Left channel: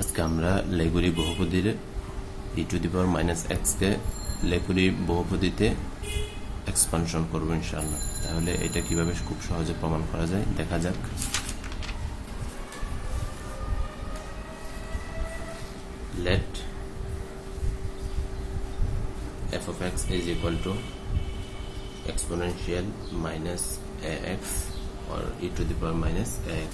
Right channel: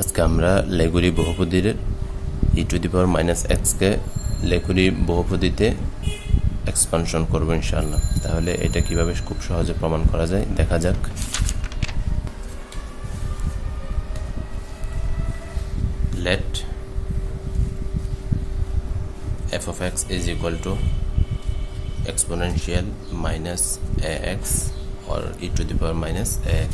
আজকে আমরা লেগুরি বহুপদীর e to the power minus x কে লেগুরি বহুপদীতে এক্সপানশন করব ইনশাআল্লাহ। তাহলে এটা কিভাবে খুব সহজে প্রমাণ করা যায় দেখা যাক। Let f of x is equal to exponential minus ax or e to the power minus ax.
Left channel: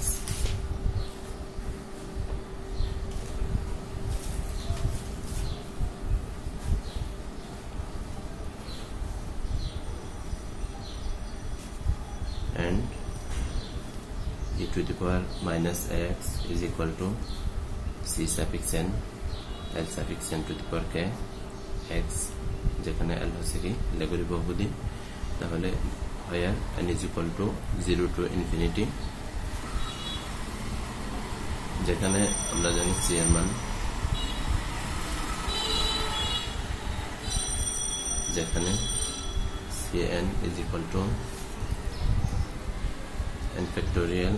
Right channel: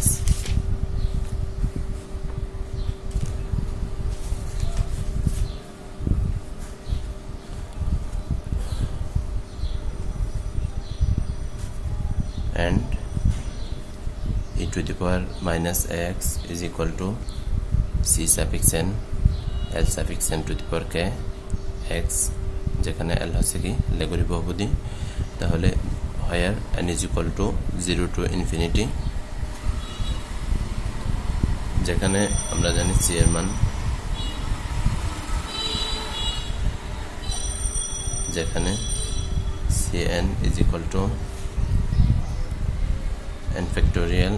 And e to the power minus ax is equal to c suffix n l suffix n to the power k x, যেখানে l হচ্ছে কি লেগুরি বহুপদী। তাহলে where n is equal to 0 to infinity, যেখানে আমরা জানি c এর মান, যেখানে cn is equal to n factorial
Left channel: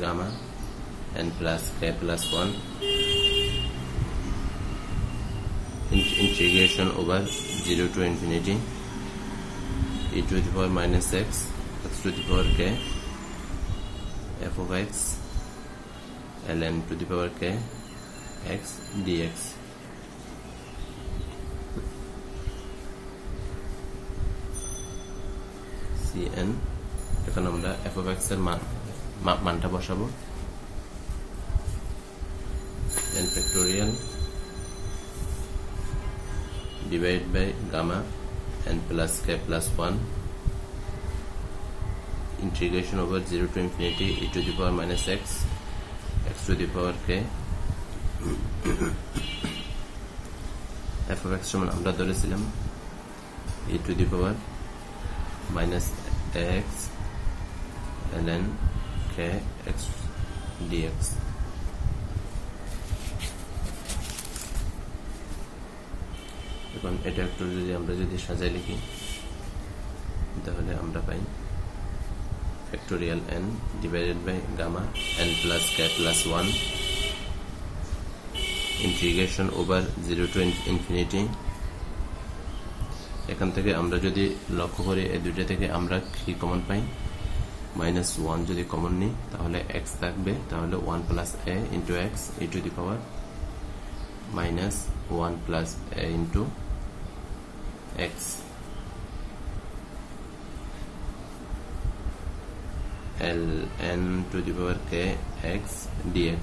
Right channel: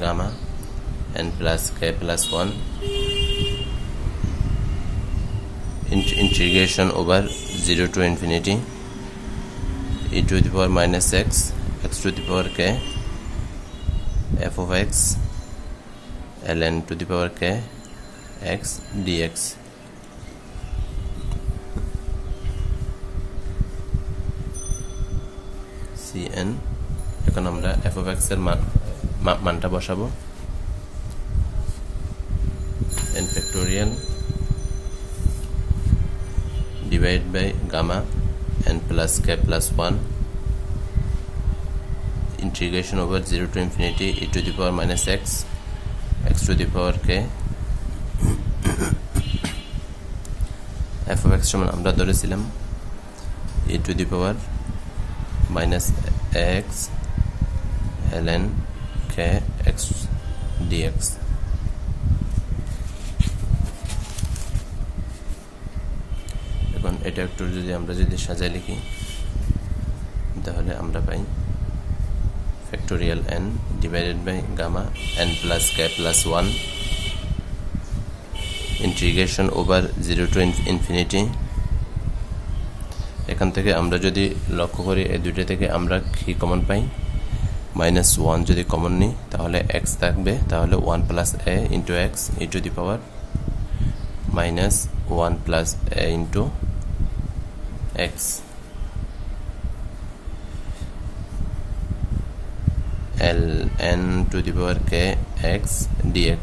gamma n plus k plus 1 integration over 0 to infinity e to the power minus x x to the power k f of x ln to the power k x dx. cn এখন আমরা f of x এর মানটা বসাবো, n factorial divided by gamma n plus k plus 1 integration over 0 to infinity e to the power minus x x to the power k f of x সমান আমরা ধরেছিলাম e to the power minus x ln k x dx. এখন এটা একটু যদি সাজায় লিখি তাহলে আমরা পাই factorial n divided by gamma n plus k plus 1 integration over 0 to infinity. এখান থেকে আমরা যদি লক্ষ্য করি এই দুইটা থেকে আমরা কি কমন পাই, মাইনাস 1 যদি কমন নিই তাহলে x থাকবে, তাহলে 1 plus a into x e to the power minus 1 plus a into x ln to the power k x dx.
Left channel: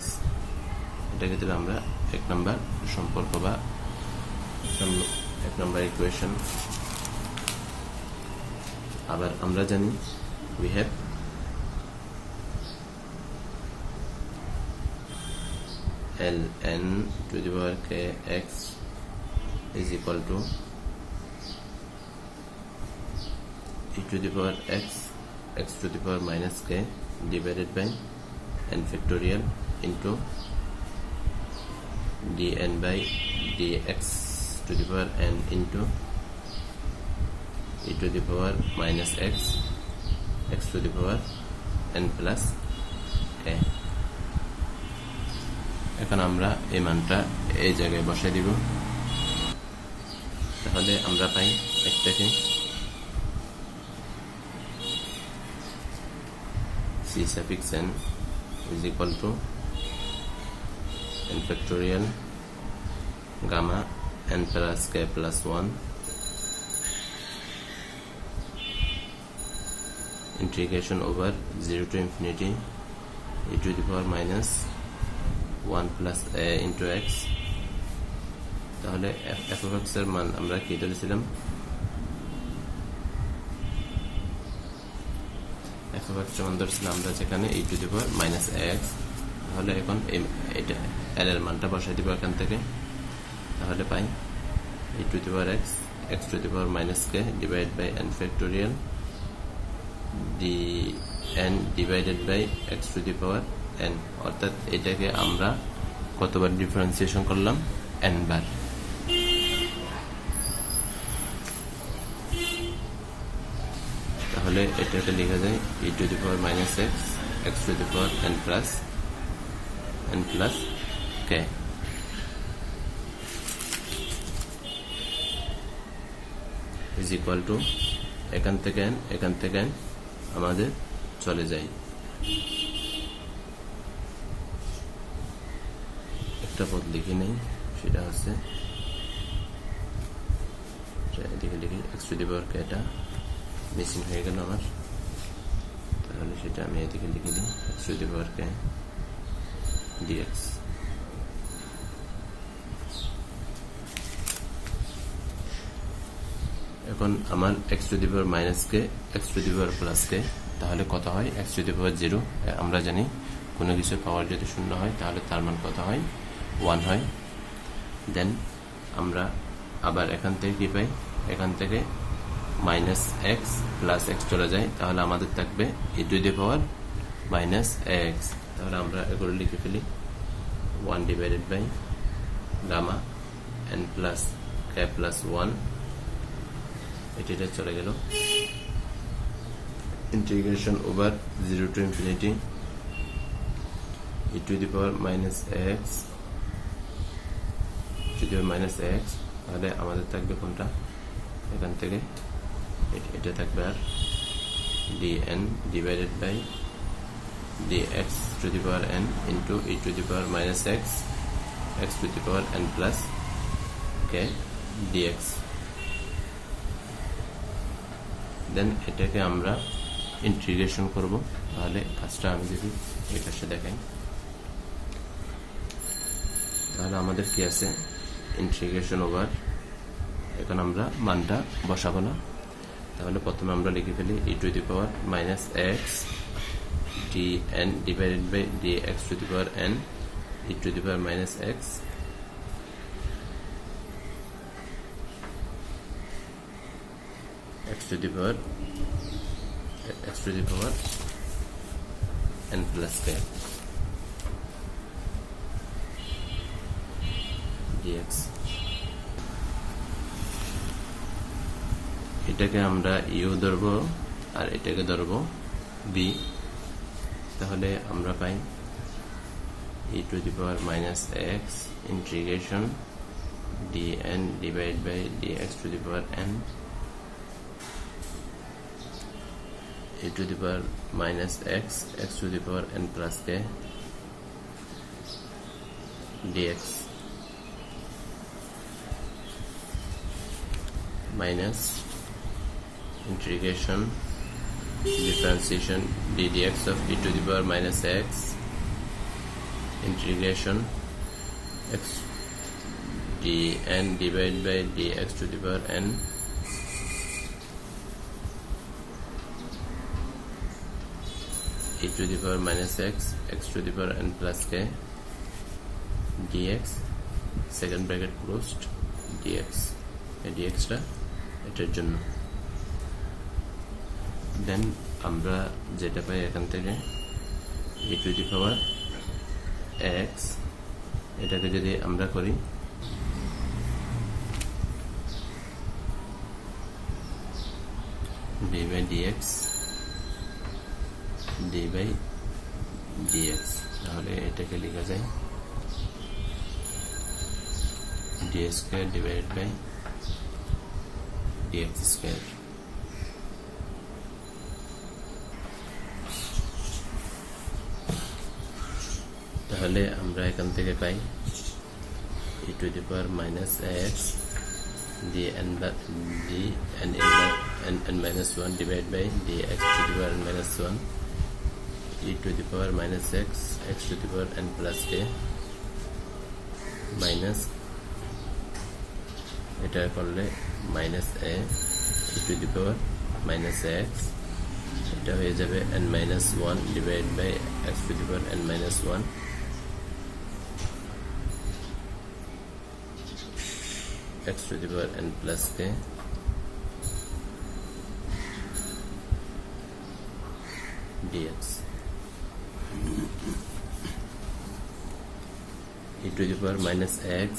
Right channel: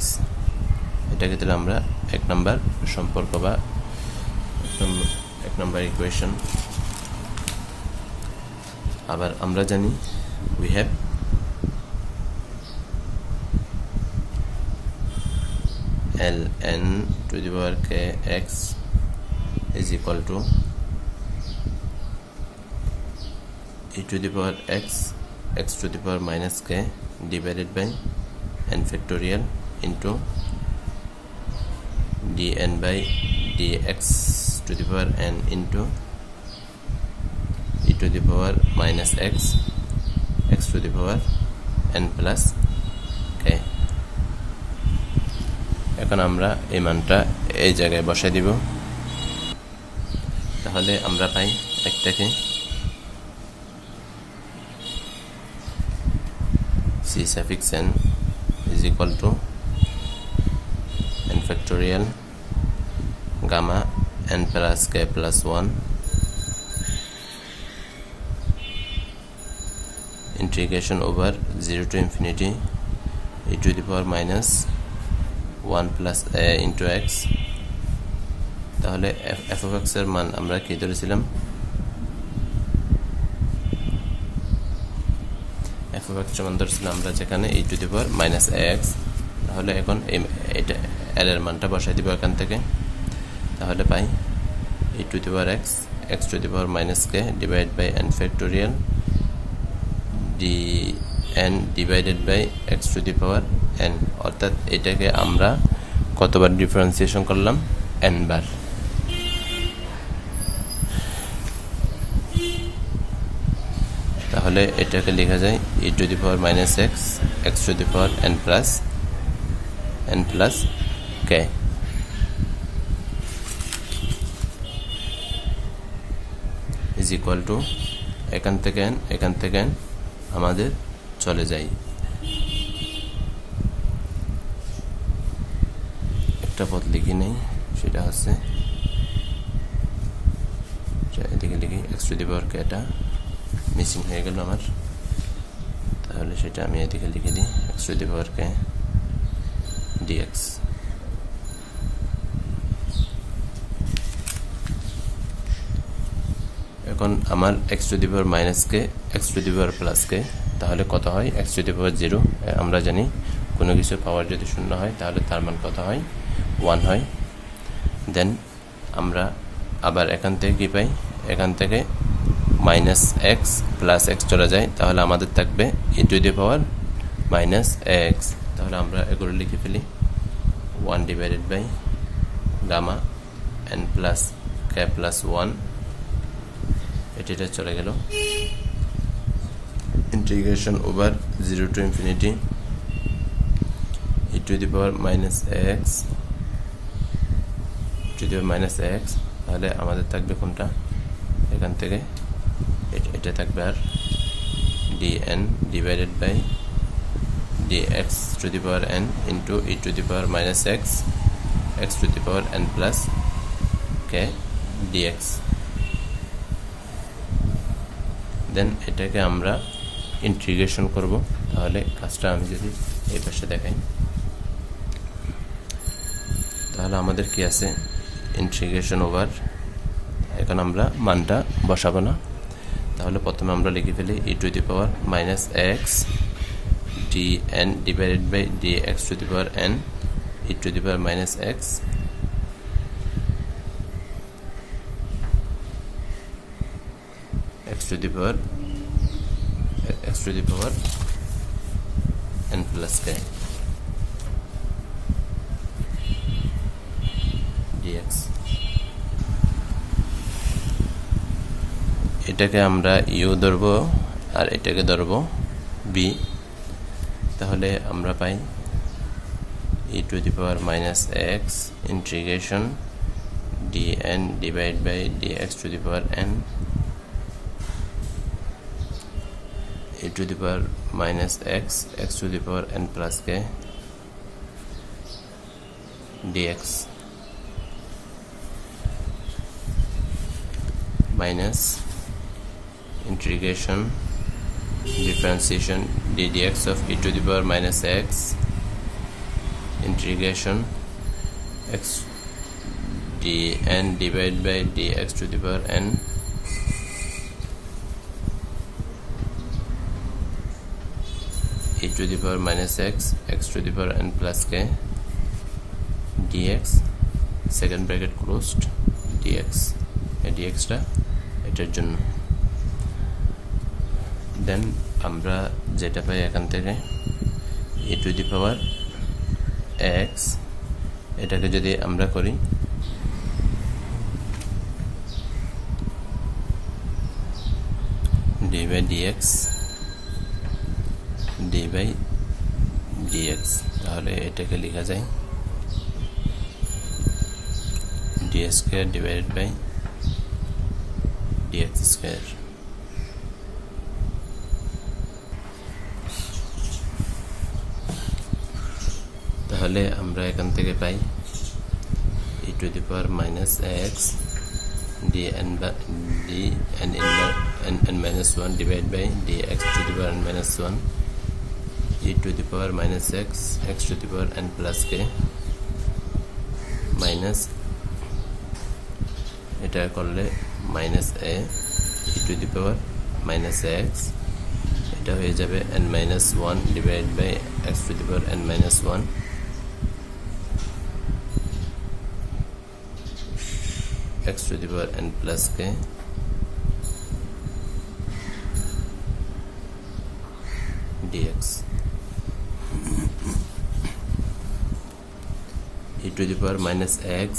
এটাকে তাহলে আমরা এক নাম্বার সম্পর্ক বা এক নাম্বার ইকুয়েশন। আবার আমরা জানি we have ln to the power k x is equal to e to the power x x to the power minus k divided by n factorial into dn by dx to the power n into e to the power minus x x to the power n plus k. এখন আমরা এই মানটা এই জায়গায় বসাই দিব, তাহলে আমরা পাই একটাকে c suffix n is equal to n factorial gamma n plus k plus 1 integration over 0 to infinity e to the power minus 1 plus a into x. তাহলে f of x এর মান আমরা কি ধরেছিলাম, f of x সমান ধরেছিলাম আমরা যেখানে e to the power minus ax। তাহলে এখন এটা l এর মানটা বসাই দিব এখান থেকে, তাহলে পাই e to the power x x to the power minus k divided by n factorial dn divided by x to the power n, অর্থাৎ এটাকে আমরা কতবার ডিফারেন্সিয়েশন করলাম, n বার। তাহলে এটাকে লেখা যায় e to the power minus x x to the power n plus k is equal to এখান থেকে n আমাদের চলে যায়। একটা পদ লিখি নেই, সেটা হচ্ছে এদিকে লিখি x to the power k, এটা মিসিং হয়ে গেল আমার, তাহলে সেটা আমি এদিকে লিখে দিই x to the power k dx। এখন আমার x to the power minus k, x to the power plus k, তাহলে কত হয়? x টু দি পাওয়ার 0। আমরা জানি কোনো কিছুর পাওয়ার যদি শূন্য হয় তাহলে তার মান কত হয়? 1 হয়। দেন আমরা আবার এখান থেকে কি পাই? এখান থেকে মাইনাস এক্স প্লাস এক্স চলে যায়, তাহলে আমাদের থাকবে e to the power minus x. তাহলে আমরা এগুলো লিখে ফেলি 1 divided by gamma n plus k plus 1, এটা চলে গেল। Integration over 0 to infinity e to the power minus x, to the power minus x, তাহলে আমাদের থাকবে কোনটা? এখান থেকে এটা থাকবে আর dn divided by dx to the power n into e to the power minus x, x to the power n plus k dx। দেন এটাকে আমরা ইন্টিগ্রেশন করব, তাহলে কাজটা আমি যদি এই পাশে দেখাই, তাহলে আমাদের কি আছে? ইন্টিগ্রেশন ওভার, এখন আমরা মানটা বসাবো না, তাহলে প্রথমে আমরা লিখে ফেলি e to the power minus x dn divided by dx to the power n e to the power minus x, x to the power n plus k dx। এটাকে আমরা u ধরবো আর এটাকে ধরবো b, তাহলে আমরা পাই e to the power minus x integration dn divided by dx to the power n e to the power minus x to the power n plus k dx minus integration differentiation ddx of e to the power minus x integration x dn divided by dx to the power n e to the power minus x to the power n plus k dx, second bracket closed, dx, dx টা এটার জন্য। দেন আমরা যেটা পাই এখান থেকে e to the power x, এটাকে যদি আমরা করি d by dx d by dx, তাহলে এটাকে লেখা যায় d square divided by dx square। তাহলে আমরা এখান থেকে পাই e to the power minus x dn minus 1 divided by dx to the power n minus 1 e to the power minus x to the power n plus k minus এটা করলে minus a e to the power minus x, এটা হয়ে যাবে n minus 1 divided by x to the power n minus 1 x to the power n plus k dx e to the power minus x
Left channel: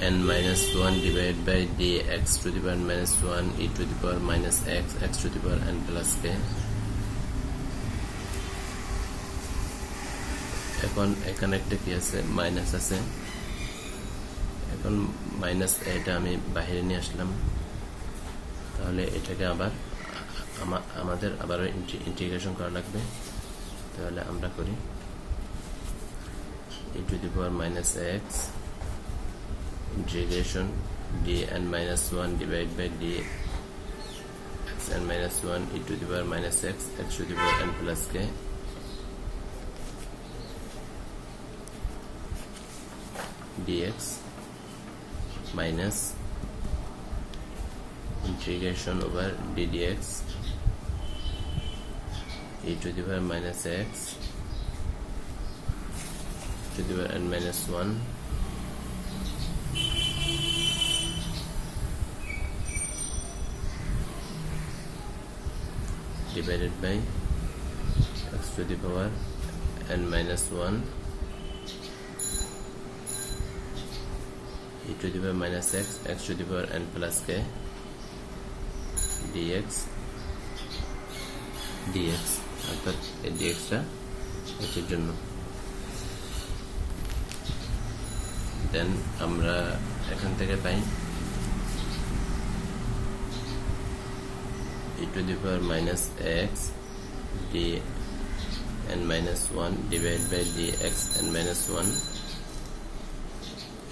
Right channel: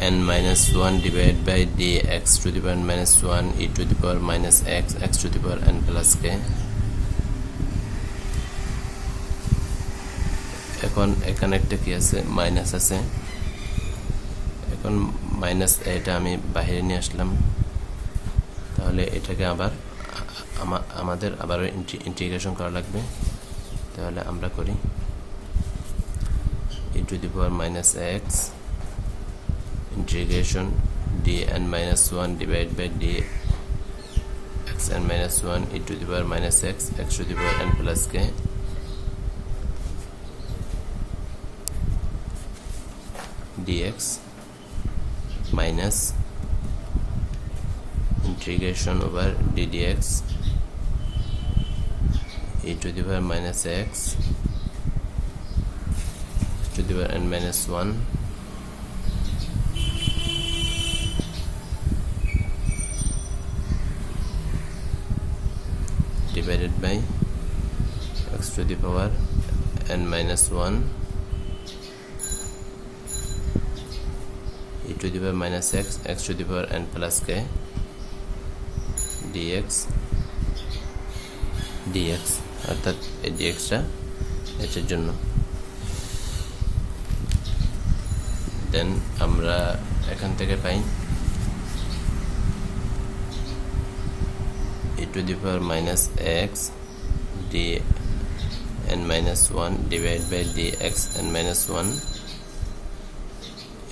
n minus 1 divided by dx to the power n minus 1 e to the power minus x to the power n plus k. এখন এখানে একটা কি আছে minus আছে, এখন minus এটা আমি বাইরে নিয়ে আসলাম, তাহলে এটাকে আবার আমাদের আবার ইন্টিগ্রেশন করা লাগবে। তাহলে আমরা করি e to the power minus x integration dn minus 1 divided by dxn minus 1 e to the power minus x to the power n plus k dx minus integration over ddx e to the power minus x to the power n minus 1 divided by x to the power n minus 1 e to the power minus x to the power n plus k dx অর্থাৎ এই dxটা এর জন্য। দেন আমরা এখান থেকে পাই e to the power minus x dn minus 1 divided by dxn minus 1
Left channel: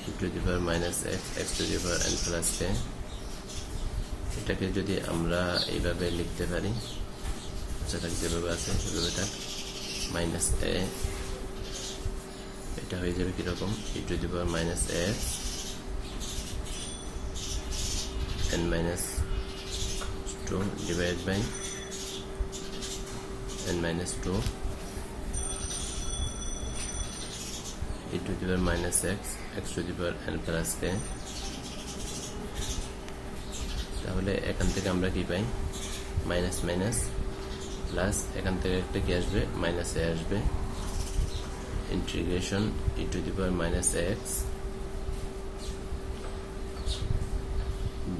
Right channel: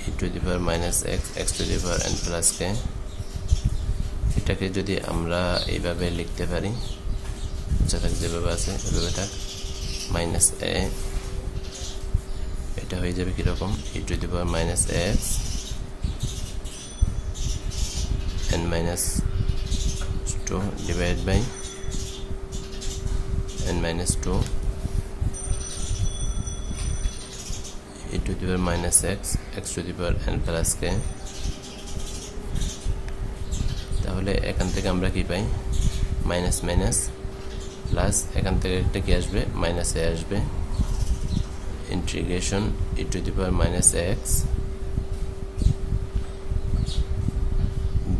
e to the power minus x to the power n plus k। এটাকে যদি আমরা এইভাবে লিখতে পারি, যেটা যেভাবে আছে ওইভাবে মাইনাস a, এটা হয়ে যাবে কিরকম e to the power minus x n minus 2 divided by n minus 2 e to the power minus x to the power n plus k। তাহলে এখান থেকে আমরা কি পাই মাইনাস মাইনাস প্লাস, এখান থেকে একটা কি আসবে মাইনাস a আসবে, integration e to the power minus x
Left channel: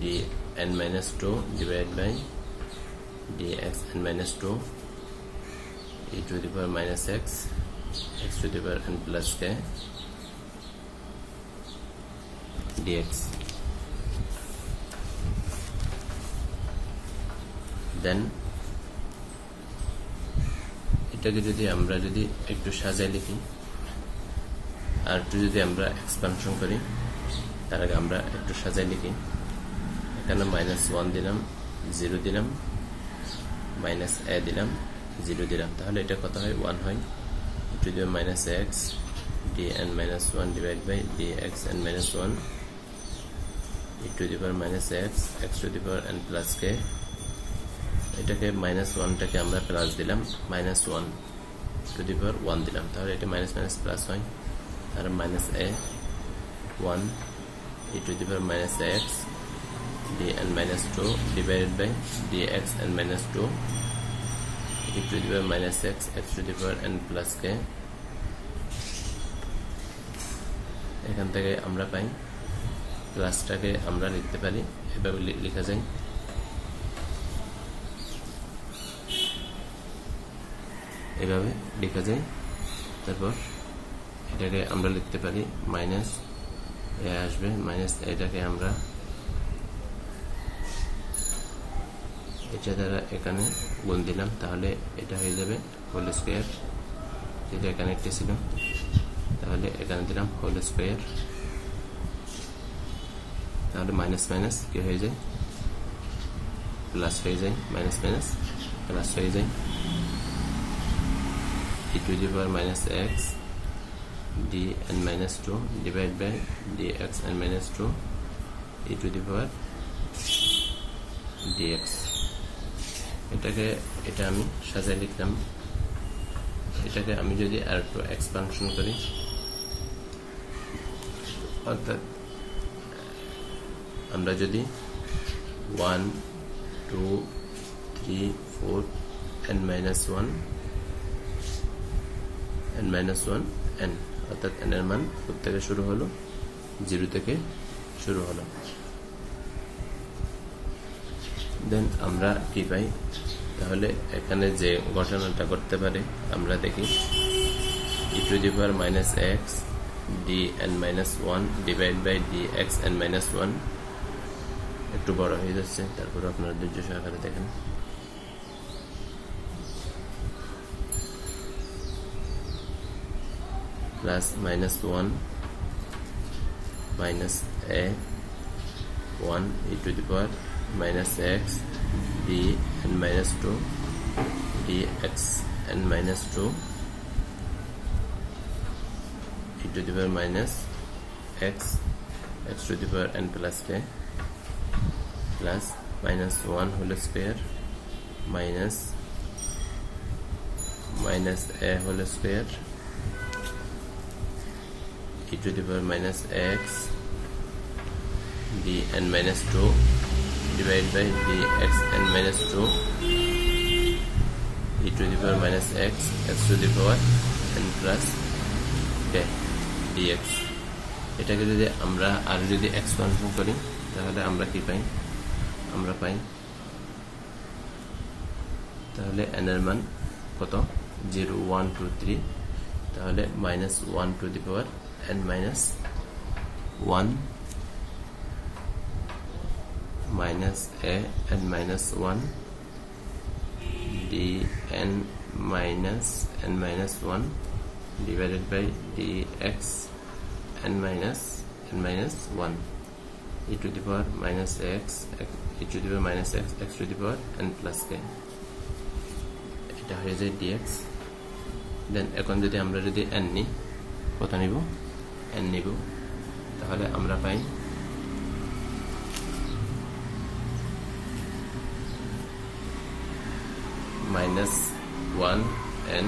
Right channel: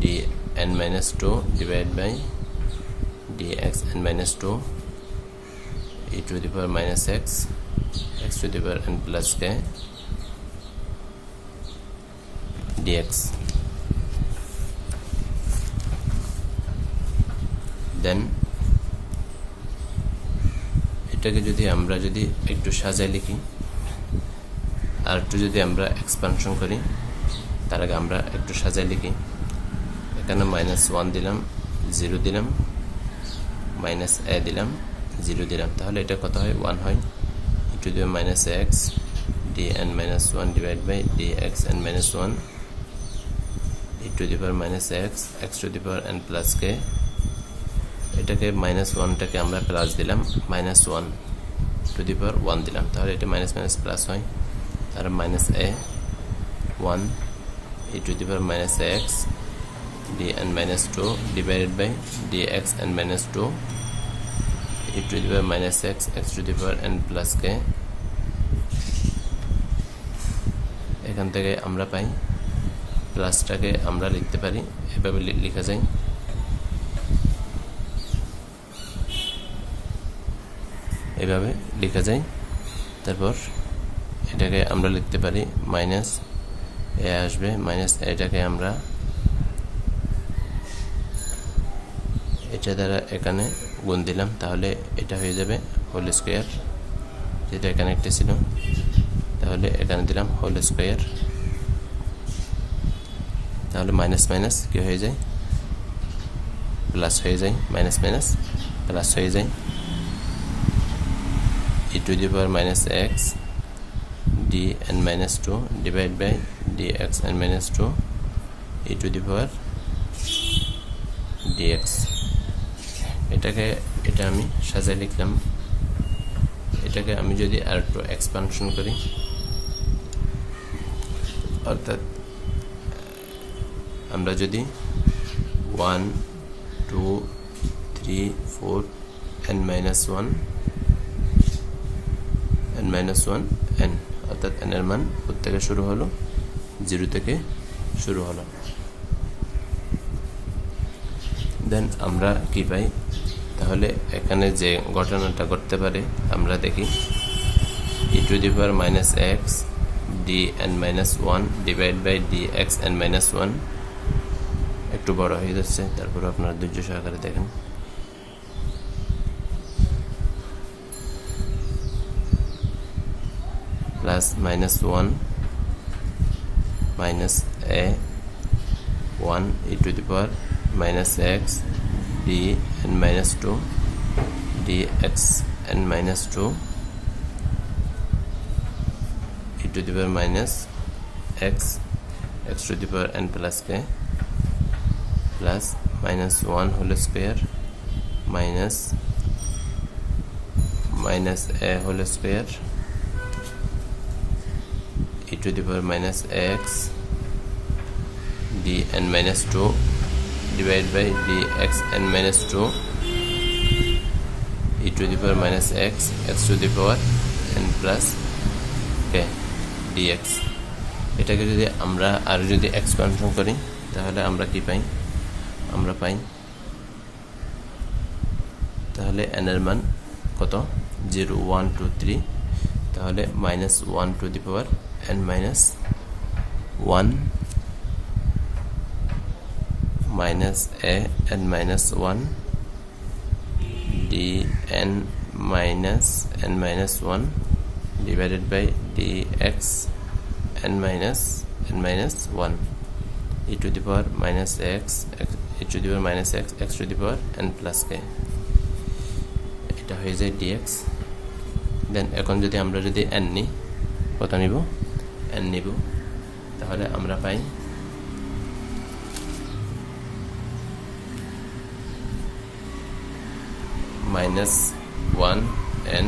dn minus 2 divided by dxn minus 2 e to the power minus x to the power n plus k dx। দেন এটাকে যদি আমরা একটু সাজায় লিখি আর একটু যদি আমরা এক্সপানশন করি, তার আগে আমরা একটু সাজায় লিখি। এখানে মাইনাস 1 দিলাম, 0 দিলাম, মাইনাস a দিলাম, 0 দিলাম, তাহলে এটা কত হয় 1 হয়। e to the power minus x dn minus 1 divided by dxn minus 1 e to the power minus x to the power n plus k। এটাকে মাইনাস 1টাকে আমরা প্লাস দিলাম, মাইনাস 1 টু দি পাওয়ার 1 দিলাম, তাহলে এটা মাইনাস মাইনাস প্লাস হয়। আর minus a 1 e to the power minus x dn minus 2 divided by dxn minus 2 e to the power minus x to the power n plus k। এখান থেকে আমরা পাই প্লাসটাকে আমরা লিখতে পারি এভাবে লেখা যায় এভাবে লেখা যায়। তারপর এটাকে আমরা লিখতে পারি মাইনাস a আসবে, মাইনাস এটাকে আমরা এটা দ্বারা এখানে গুণ দিলাম, তাহলে এটা হয়ে যাবে হোল স্কয়ার, যেটা এখানে একটা ছিল, তাহলে এখানে দিলাম হোল স্কয়ার, তাহলে মাইনাস মাইনাস কি হয়ে যায় প্লাস হয়ে যায়, মাইনাস মাইনাস প্লাস হয়ে যায়। e to the power minus x dn minus 2 divided by dxn minus 2 e to the power dx। এটা আমি সাজায় লিখলাম। এটাকে আমি যদি আর একটু এক্সপানশন করি, অর্থাৎ আমরা যদি 1 2 3 4 n minus 1 n minus 1 n, অর্থাৎ n এর মান থেকে শুরু হলো 0 থেকে শুরু হলো। দেন আমরা কি পাই, তাহলে এখানে যে ঘটনাটা ঘটতে পারে আমরা দেখি e to the power minus x dn minus 1 divided by dx n minus 1 একটু বড় হয়ে যাচ্ছে, তারপর আপনারা ধৈর্য সহকারে দেখেন। Plus minus 1 minus a 1 e to the power minus x dn minus 2 dx n minus 2 e to the power minus x to the power n plus k plus minus 1 whole square minus a whole square e to the power minus x dn minus 2 divided by dx n minus 2 e to the power minus x to the power n plus k dx। এটাকে যদি আমরা আর যদি expansion করি তাহলে আমরা কি পাই, আমরা পাই তাহলে n এর মান কত 0 1 2 3, তাহলে minus 1 to the power n minus 1 minus a n minus 1 dn minus n minus 1 divided by dx n minus 1 e to the power minus x e to the power minus x to the power n plus k, এটা হয়ে যায় dx। দেন এখন যদি আমরা যদি n নিই, কত নিব, n নিব, তাহলে আমরা পাই minus 1 n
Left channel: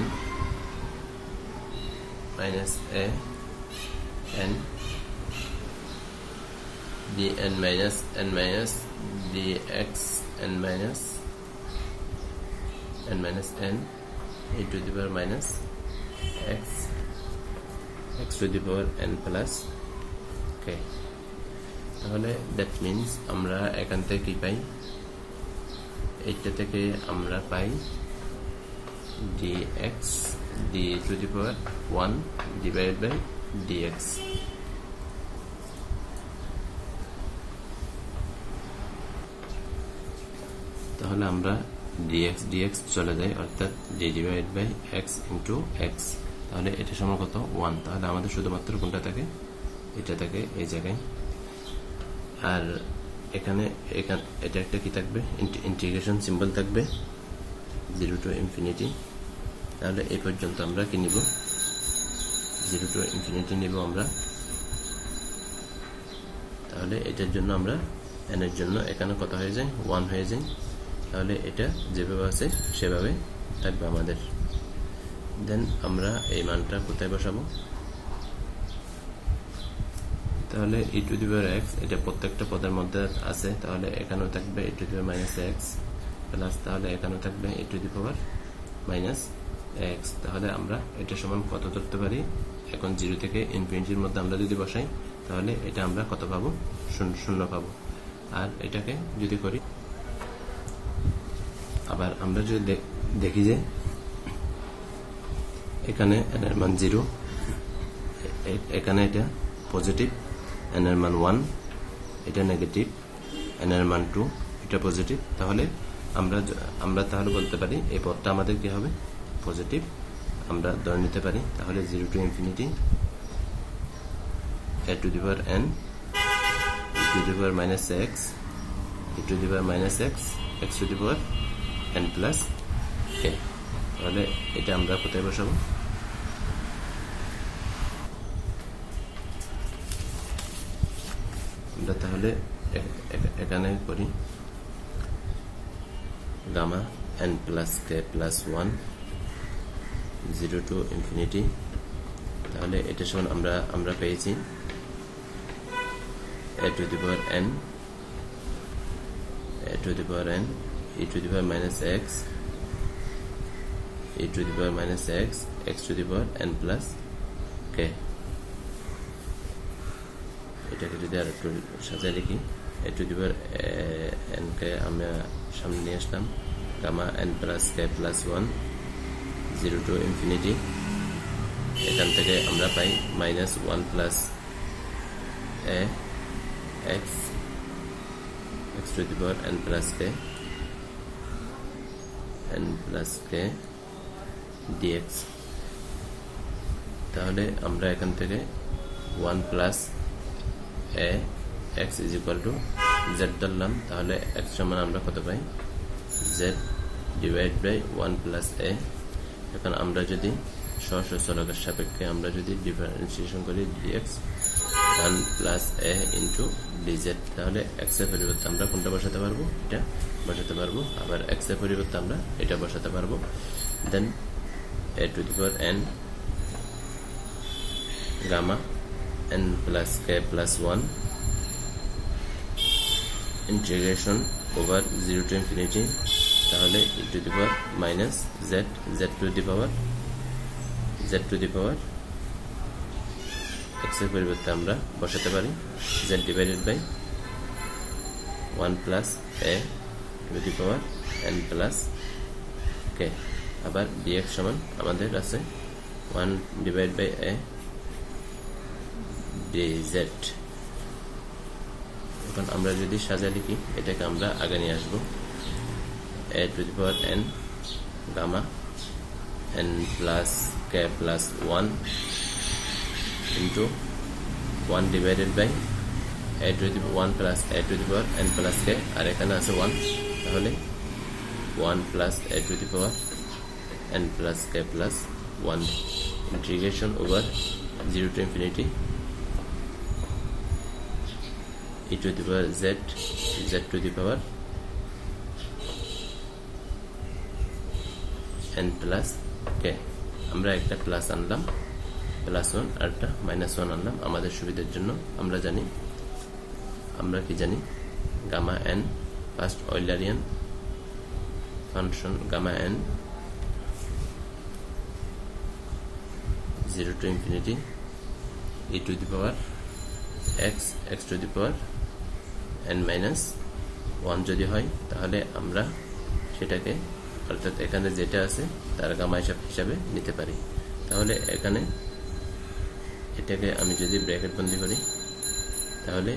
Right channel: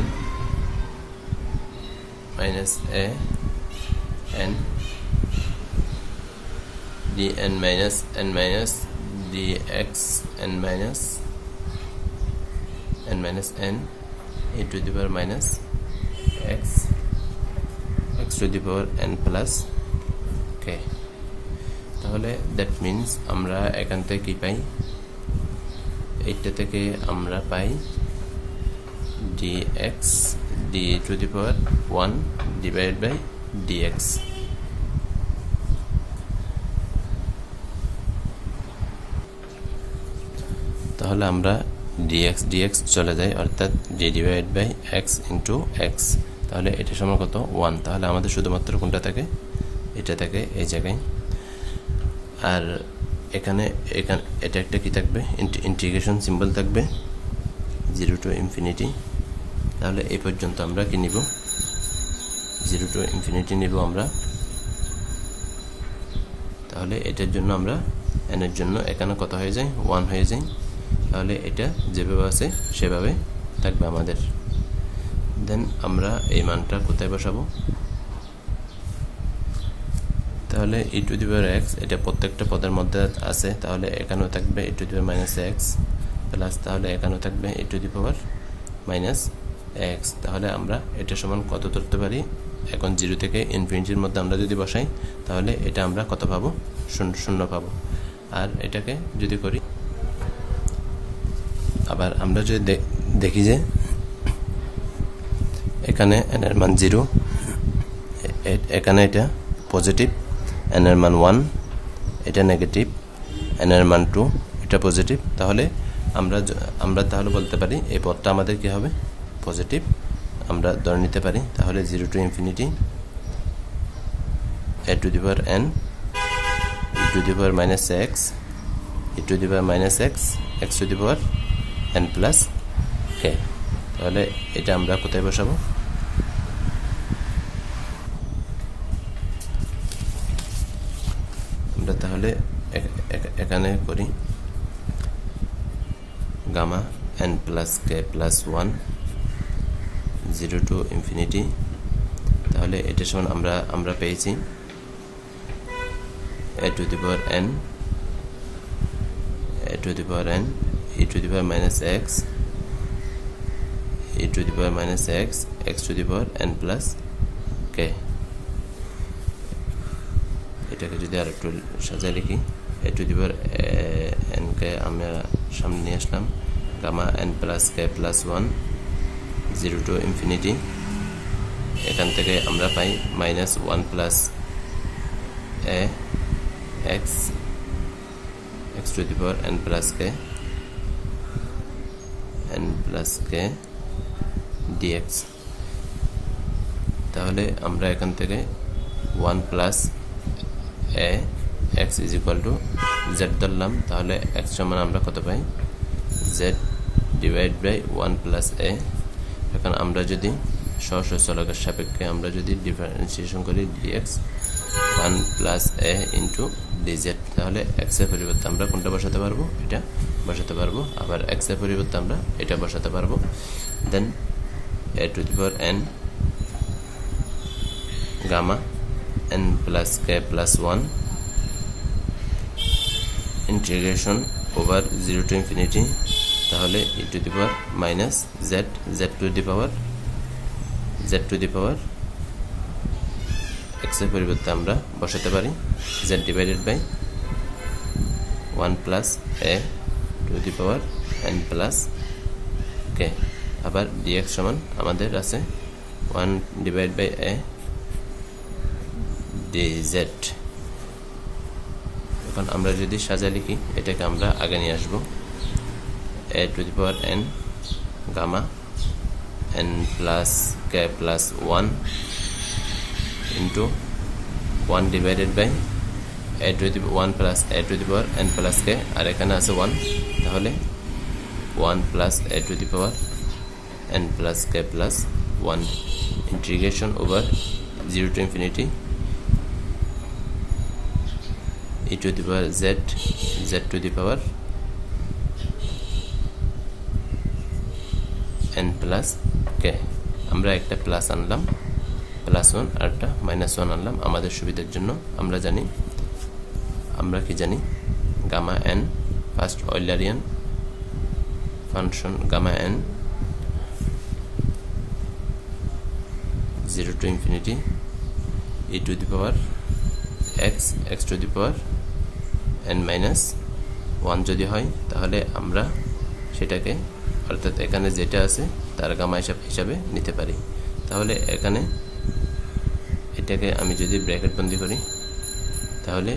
minus a n dn minus n minus dx n minus n e to the power minus x to the power n plus k। তাহলে দ্যাট মিনস আমরা এখান থেকে কি পাই, এইটা থেকে আমরা পাই dx d to the power 1 divided by dx। তাহলে আমরা dx চলে যায়, অর্থাৎ d divided by x into x, তাহলে এটা সমান কত 1। তাহলে আমাদের শুধুমাত্র কোনটা থাকে, এটা থাকে এই জায়গায়। আর এখানে এটা একটা কি থাকবে, ইন্টিগ্রেশন সিম্বল থাকবে 0 to infinity। তাহলে এই পর্যন্ত আমরা কি নিব, 0 to infinity নিব আমরা। তাহলে এটার জন্য আমরা n এর জন্য এখানে কত হয়ে যায়, 1 হয়ে যায়। তাহলে এটা যেভাবে আছে সেভাবে থাকবে আমাদের। দেন আমরা এই মানটা কোথায় বসাবো, তাহলে e to the power x এটা প্রত্যেকটা পদের মধ্যে আছে, তাহলে এখানেও থাকবে e to the power minus x plus, তাহলে এখানেও থাকবে e to the power minus x। তাহলে আমরা এটা সমান কত ধরতে পারি, এখন 0 থেকে ইনফিনিটির মধ্যে আমরা যদি বসাই তাহলে এটা আমরা কত পাবো, 0 পাবো। আর এটাকে যদি করি, আবার আমরা যদি দেখি যে এখানে n এর মান 0, এখানে এটা পজিটিভ, n এর মান 1, এটা নেগেটিভ, n এর মান 2, এটা পজিটিভ, তাহলে আমরা তাহলে বলতে পারি এই পদটা আমাদের কি হবে, পজিটিভ আমরা ধরে নিতে পারি। তাহলে 0 to infinity a to the power n e to the power minus x e to the power minus x to the power n plus k। তাহলে এটা আমরা কোথায় বসাবো, আমরা তাহলে এখানে করি gamma n plus k plus 1 0 to infinity। তাহলে এটা সমান আমরা পেয়েছি a to the power n e to the power minus x e to the power minus x to the power n plus k। এটাকে যদি আর একটু সাজিয়ে লিখি a to the power n কে আমরা সামনে নিয়ে আসলাম gamma n plus k plus 1 0 to infinity এখান থেকে আমরা পাই minus 1 plus a x to the power n plus k dx তাহলে আমরা এখান থেকে 1 plus a x is equal to z ধরলাম তাহলে x সমান আমরা কত পাই z divide by 1 plus a এখন আমরা যদি সহজ চলকের সাপেক্ষে আমরা যদি ডিফারেন্সিয়েশন করি dx 1 plus a into dz তাহলে x এর পরিবর্তে আমরা কোনটা বসাতে পারবো এটা বসাতে পারবো আবার x এর পরিবর্তে আমরা এটা বসাতে পারবো দেন a to the power n gamma n plus k plus 1 integration over 0 to infinity তাহলে e to the power minus z to the power x এর পরিবর্তে আমরা বসাতে পারি z divided by 1 plus a to the power n plus k আবার dx সমান আমাদের আছে 1 divided by a dz এখন আমরা যদি সাজিয়ে লিখি এটাকে আমরা আগে নিয়ে আসব a to the power n gamma n plus k plus 1 into 1 divided by a to the 1 plus a to the power n plus k আর এখানে আছে 1 তাহলে 1 plus a to the power n plus k plus 1 integration over 0 to infinity e to the power z to the power n plus k আমরা একটা plus আনলাম plus 1 আর একটা minus 1 আনলাম আমাদের সুবিধার জন্য আমরা কি জানি gamma n first Eulerian function gamma n 0 to infinity e to the power x to the power n minus 1 যদি হয় তাহলে আমরা সেটাকে অর্থাৎ এখানে যেটা আছে তার গামা হিসাবে নিতে পারি তাহলে এখানে এটাকে আমি যদি ব্র্যাকেট বন্ধ করি তাহলে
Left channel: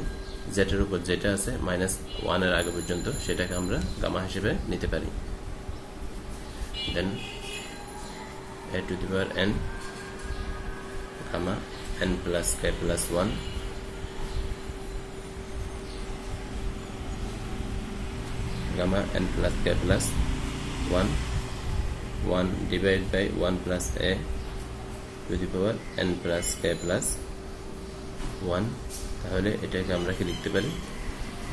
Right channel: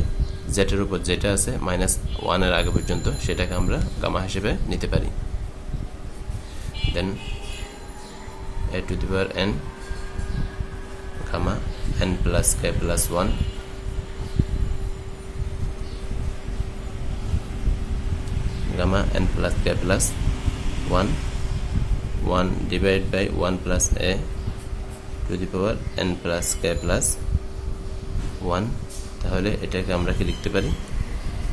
z এর উপর যেটা আছে -1 এর আগে পর্যন্ত সেটাকে আমরা গামা হিসেবে নিতে পারি দেন a to the power n gamma n plus k plus 1 gamma n plus k plus 1 divided by 1 plus a to the power n plus k plus 1 তাহলে এটাকে আমরা কি লিখতে পারি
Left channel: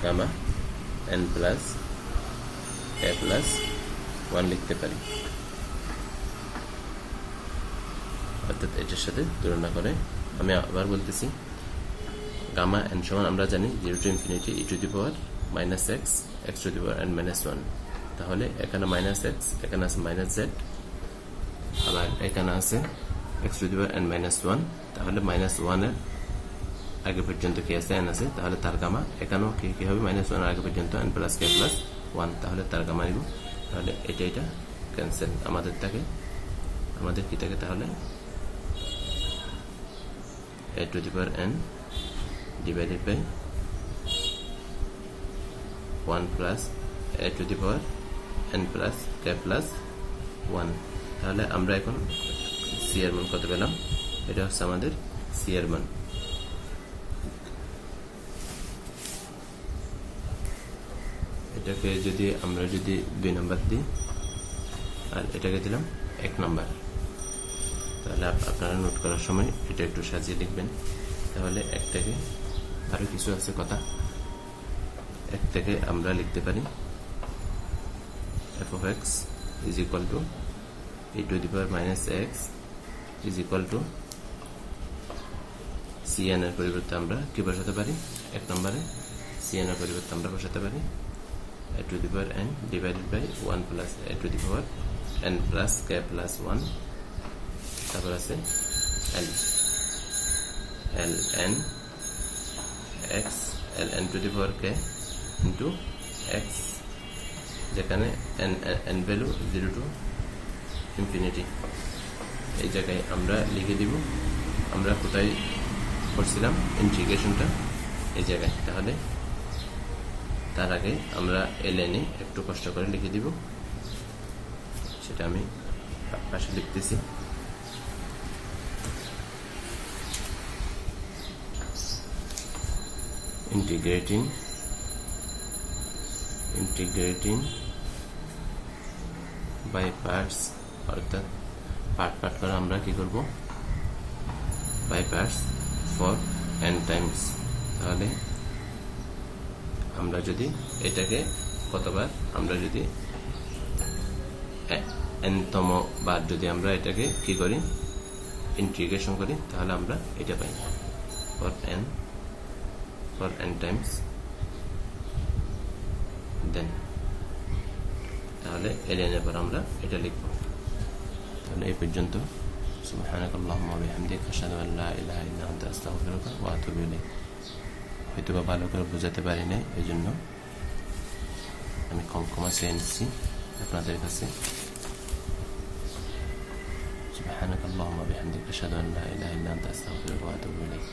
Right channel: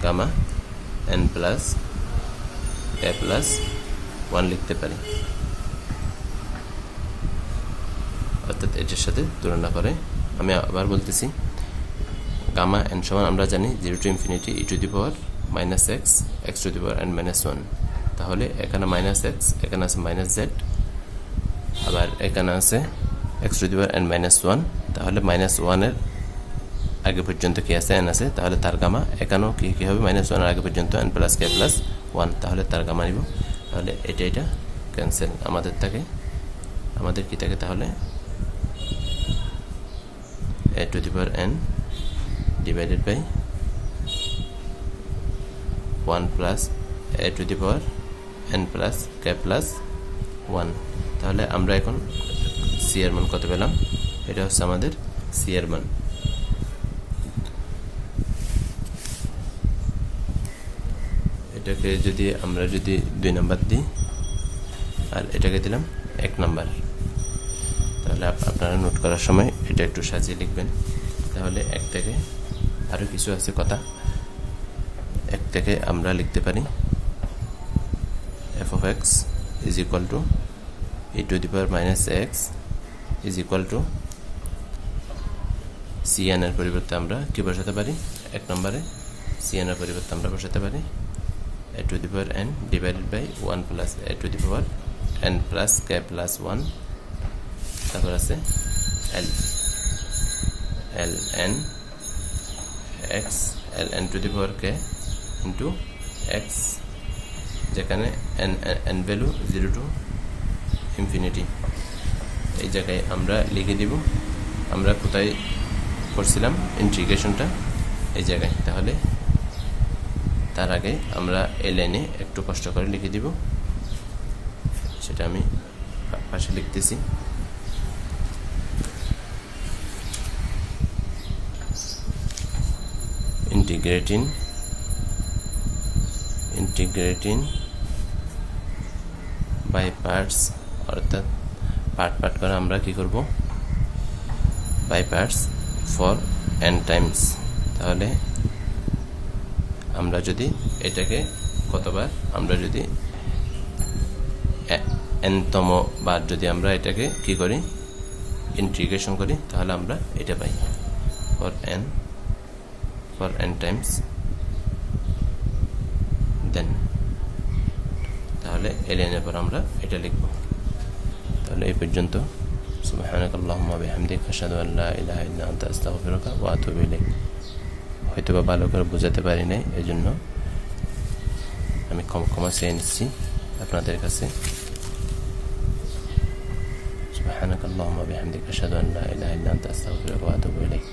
gamma n plus k plus 1 লিখতে পারি অর্থাৎ এটার সাথে তুলনা করে আমি আবার বলতেছি গামা n সমান আমরা জানি 0 to infinity e to the power minus x to the power n minus 1 তাহলে এখানে minus x এখানে আছে minus z আবার এখানে আছে x to the power n minus 1 তাহলে minus 1 এর আগে পর্যন্ত কি আছে n আছে তাহলে তার গামা এখানেও কি হবে minus 1 এর আগে পর্যন্ত n plus k plus 1 তাহলে তার গামা নিব তাহলে এটা ক্যান্সেল আমাদের কি থাকে তাহলে a to the power n divided by 1 plus a to the power n plus k plus 1 তাহলে আমরা এখন c এর মান কত পেলাম এটা হচ্ছে আমাদের c এর মান এটাকে যদি আমরা 2 নাম্বার দিই আর এটাকে দিলাম 1 নাম্বার তাহলে আপনারা নোট করার সময় এটা একটু সাজিয়ে লিখবেন তাহলে 1 থেকে আরো কিছু আছে কথা 1 থেকে আমরা লিখতে পারি f of x is equal to e to the power minus x is equal to cn এর পরিবর্তে আমরা কি বসাতে পারি 1 নম্বরে cn এর পরিবর্তে আমরা বসাতে পারি a to the power n divided by 1 plus a to the power n plus k plus 1 তারপর আছে l n x ln two the power k into x যেখানে n ভ্যালু 0 টু ইনফিনিটি এই জায়গায় আমরা লিখে দিব আমরা কোথায় করছিলাম ইন্টিগ্রেশনটা এই জায়গায় তাহলে তার আগে আমরা ln এ একটু কষ্ট করে লিখে দিব সেটা আমি পাশে লিখতেছি integrating by parts অর্থাৎ পার্ট করে আমরা কি করব by parts for n times তাহলে আমরা যদি এটাকে কতবার আমরা যদি n তম বার যদি আমরা এটাকে কি করি ইন্টিগ্রেশন করি তাহলে আমরা এটা পাই for n times then তাহলে ln এর পর আমরা এটা লিখব তাহলে এই পর্যন্ত সুবহানাকাল্লাহুম্মা বিহামদিকা আশহাদু আল লা ইলাহা ইল্লা আনতা আস্তাগফিরুকা ওয়া আতুবু ইলাইক হয়তো ভালো করে বোঝাতে পারি নাই এজন্য আমি ক্ষমা চেয়ে নিচ্ছি আপনাদের কাছে সুবহানাকাল্লাহুম্মা বিহামদিকা আশহাদু আল লা ইলাহা ইল্লা আনতা আস্তাগফিরুকা ওয়া আতুবু ইলাইক